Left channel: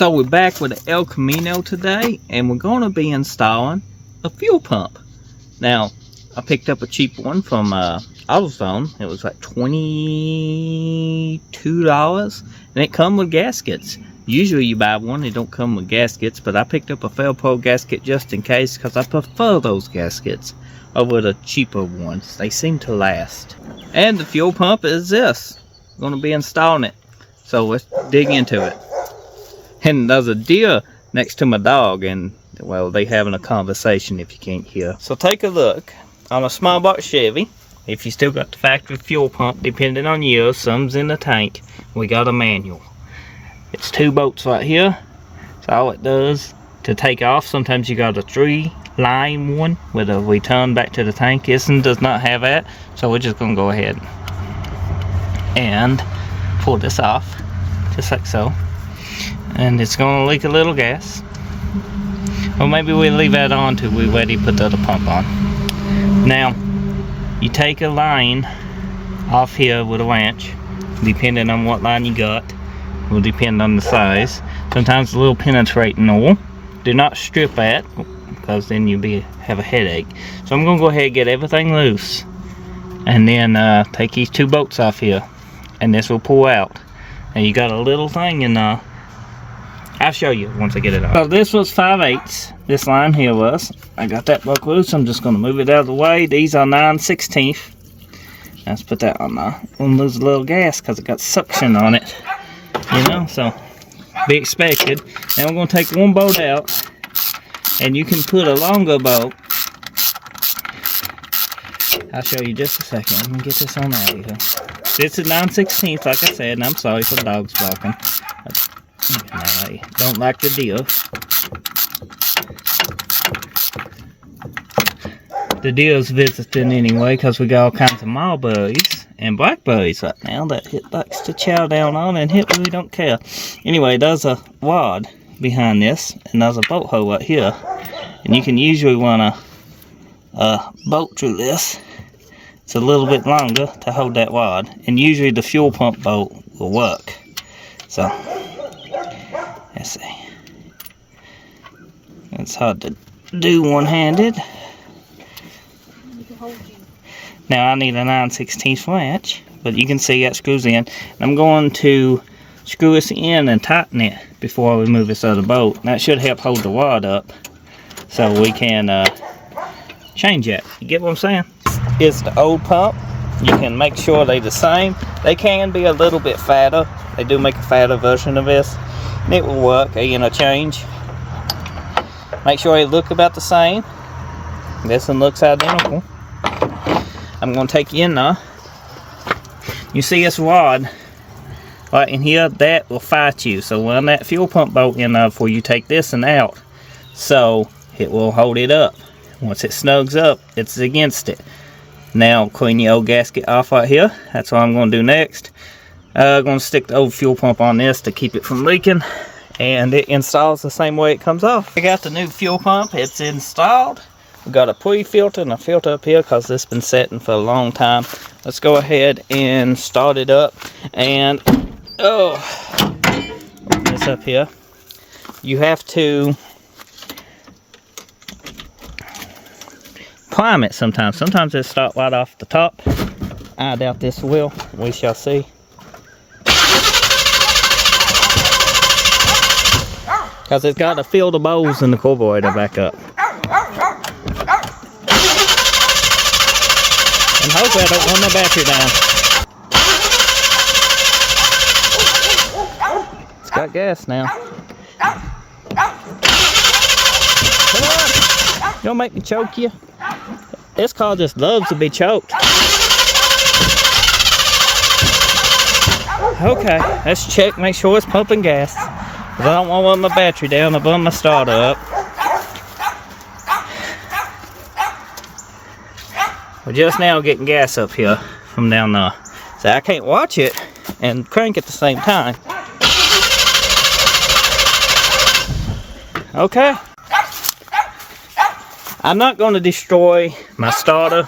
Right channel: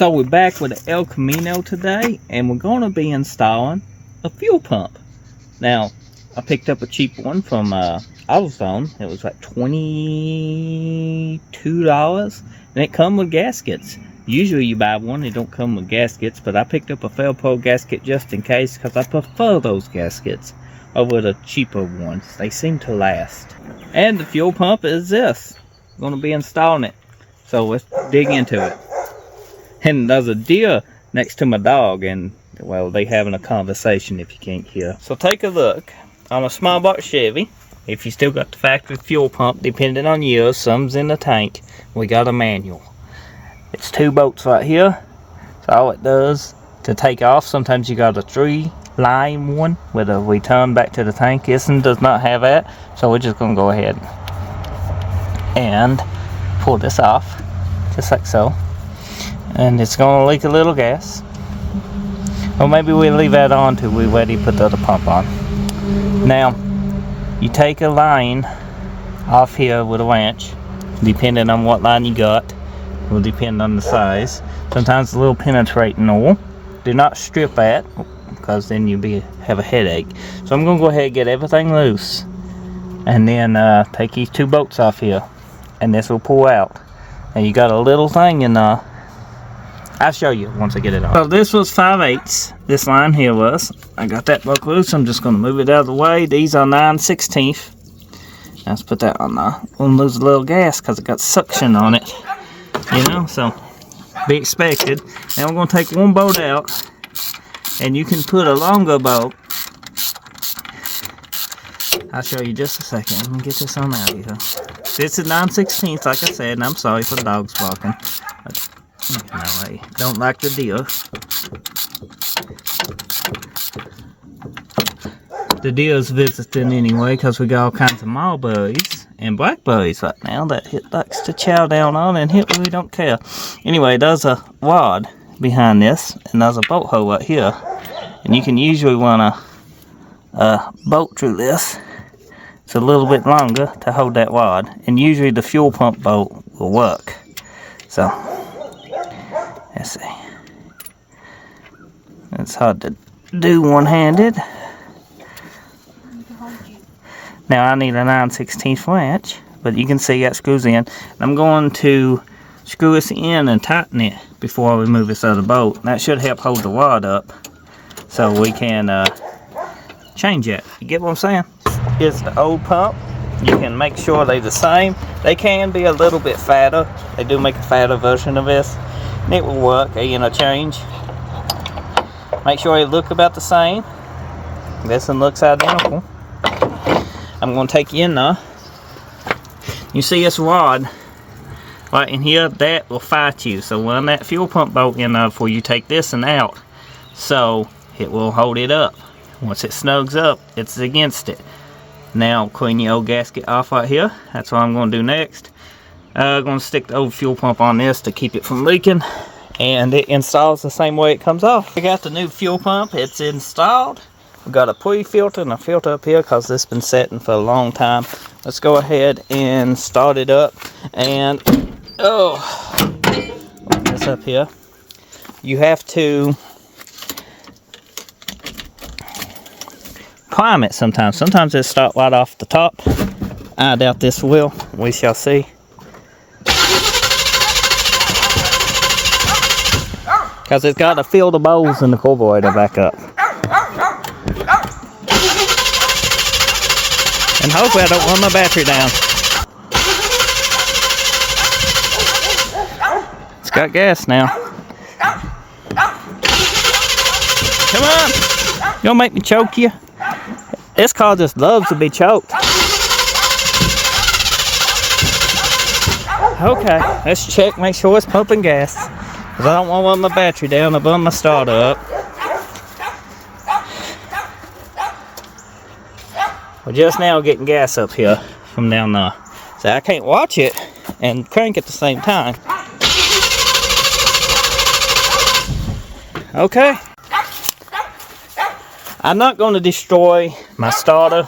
So we're back with the El Camino today, and we're going to be installing a fuel pump. Now, I picked up a cheap one from AutoZone. It was like $22, and it come with gaskets. Usually you buy one, it don't come with gaskets, but I picked up a Felpo gasket just in case, because I prefer those gaskets over the cheaper ones. They seem to last. And the fuel pump is this. I'm going to be installing it. So let's dig into it. And there's a deer next to my dog, and well, they having a conversation if you can't hear. So take a look on a small box Chevy. If you still got the factory fuel pump, depending on years, some's in the tank. We got a manual. It's 2 bolts right here. So all it does to take off, sometimes you got a 3-line one with a return back to the tank. This one does not have that, so we're just gonna go ahead and pull this off, just like so. And it's gonna leak a little gas. Or maybe we'll leave that on till we're ready to put the other pump on. Now, you take a line off here with a wrench, depending on what line you got. It will depend on the size. Sometimes a little penetrating oil. Do not strip that, because then you'll have a headache. So I'm gonna go ahead and get everything loose, and then take these 2 bolts off here, and this will pull out. And you got a little thing in I'll show you once I get it off. So this was 5/8. This line here was. I got that broke loose. I'm just going to move it out of the way. These are 9/16. Let's put that on there. We'll lose a little gas because it got suction on it. You know, so be expected. Now we're going to take 1 bolt out, and you can put a longer bolt. I'll show you just a second. Let me get this on out of here. This is 9/16, like I said, and I'm sorry for the dogs barking. No, I don't like the deer. The deer's visiting anyway, because we got all kinds of mulberries and blackberries right now that it likes to chow down on, and it really don't care. Anyway, there's a rod behind this, and there's a bolt hole right here. And you can usually want to bolt through this. It's a little bit longer to hold that rod, and usually the fuel pump bolt will work. So let's see. It's hard to do one-handed. Now I need a 9/16 wrench, but you can see that screws in. And I'm going to screw this in and tighten it before we move this other bolt. That should help hold the rod up, so we can change it. You get what I'm saying? It's the old pump. You can make sure they're the same. They can be a little bit fatter. They do make a fatter version of this. And it will work, change. Make sure they look about the same. This one looks identical. I'm going to take you in there. You see this rod right in here? That will fight you. So run that fuel pump bolt in there before you take this one out. So it will hold it up. Once it snugs up, it's against it. Now clean your old gasket off right here. That's what I'm going to do next. I'm going to stick the old fuel pump on this to keep it from leaking, and it installs the same way it comes off. I got the new fuel pump. It's installed. We got a pre-filter and a filter up here because this has been setting for a long time. Let's go ahead and start it up. And open this up here. You have to climb it sometimes. Sometimes it starts right off the top. I doubt this will. We shall see. Because it's got to fill the bowls in the carburetor back up. And hopefully I don't run my battery down. It's got gas now. Come on! You gonna make me choke you? This car just loves to be choked. Okay, let's check, make sure it's pumping gas. Because I don't want to run my battery down, I burn my starter up. We're just now getting gas up here from down there. So I can't watch it and crank at the same time. Okay. I'm not going to destroy my starter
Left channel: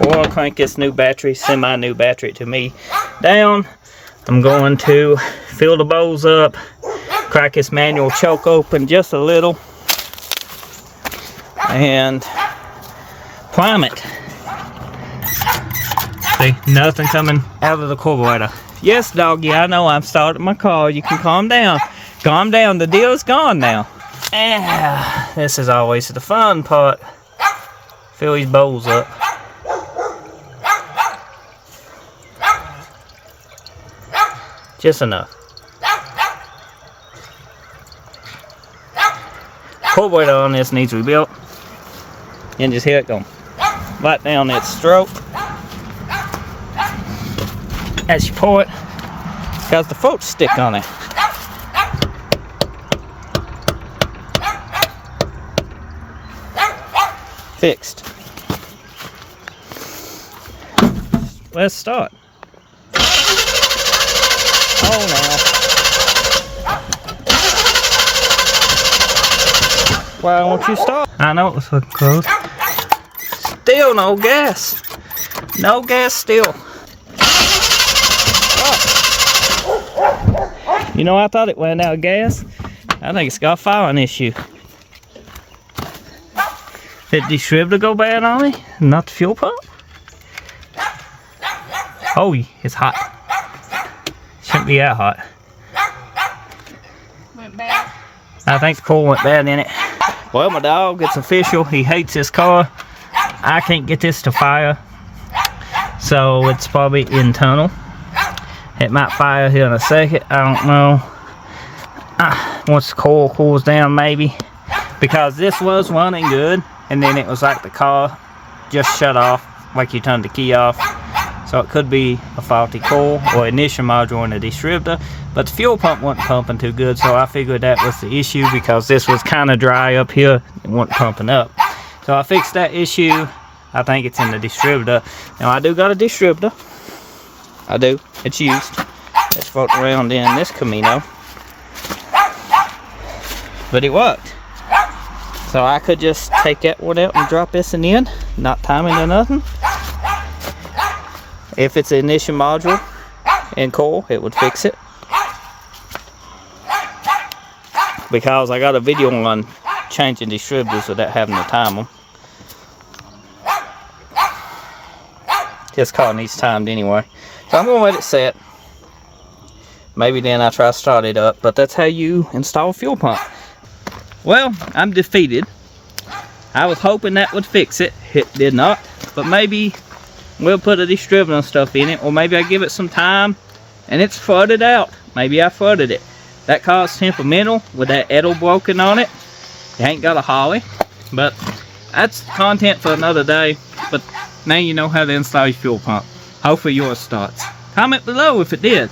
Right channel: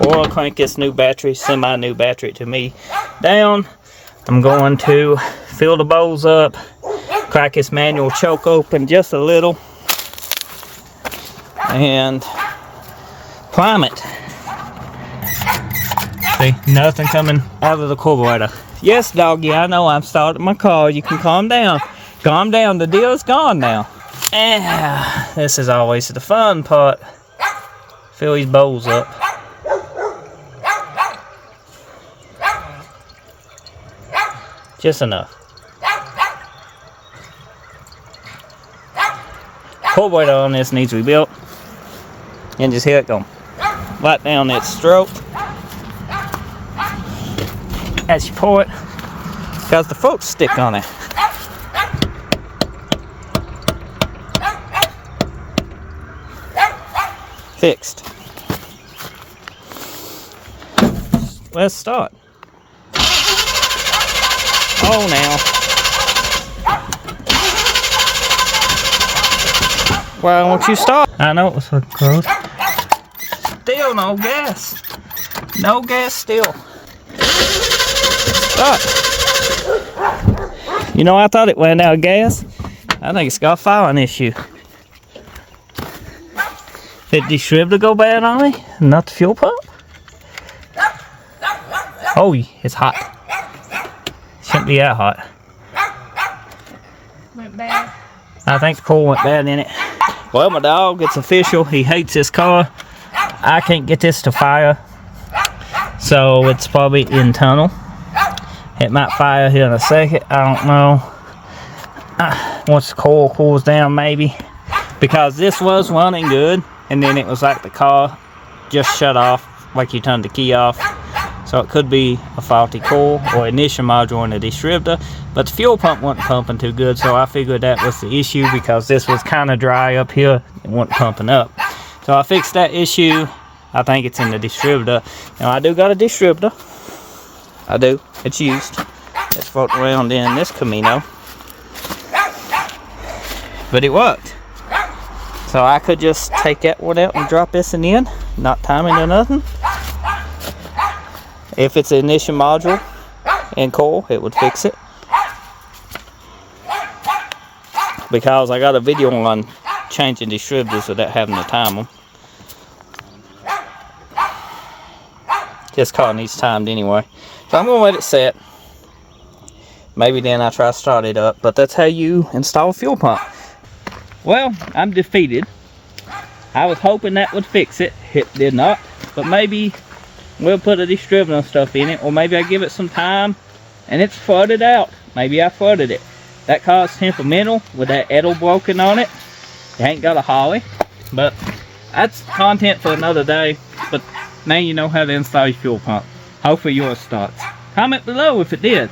or crank this new battery, semi-new battery to me, down. I'm going to fill the bowls up crack this manual choke open just a little and climb it. See, nothing coming out of the carburetor. Yes, doggy, I know I'm starting my car. You can calm down. Calm down, the deal is gone now. This is always the fun part. Fill these bowls up. Just enough. Carburetor on this needs rebuilt. And just hear it go right down that stroke. As you pour it, because the floats stick on it. Fixed. Let's start. Oh, now. Why won't you start? I know it was looking close. Still no gas. No gas still. Start. You know, I thought it went out of gas. I think it's got a firing issue. Did the distributor go bad on me? Not the fuel pump? Oh, it's hot. Shouldn't be that hot. Went bad. I think the coil went bad in it. Well, my dog, it's official. He hates this car. I can't get this to fire. So it's probably internal. It might fire here in a second. I don't know. Once the coil cools down, maybe. Because this was running good. And then it was like the car just shut off. Like you turned the key off. So it could be a faulty coil or ignition module in the distributor. But the fuel pump wasn't pumping too good, so I figured that was the issue because this was kind of dry up here. It wasn't pumping up. So I fixed that issue. I think it's in the distributor. Now I do got a distributor. I do. It's used. It's floating around in this Camino. But it worked. So I could just take that one out and drop this in the end. Not timing or nothing. If it's an ignition module and coil, it would fix it. Because I got a video on changing distributors without having to time them. This car needs timed anyway. So I'm going to let it set. Maybe then I try to start it up. But that's how you install a fuel pump. Well, I'm defeated. I was hoping that would fix it. It did not. But maybe we'll put a distributor and stuff in it, or maybe I give it some time and it's flooded out. Maybe I flooded it. That car's temperamental with that edel broken on it. It ain't got a holly, but that's content for another day. But now you know how to install your fuel pump. Hopefully yours starts. Comment below if it did.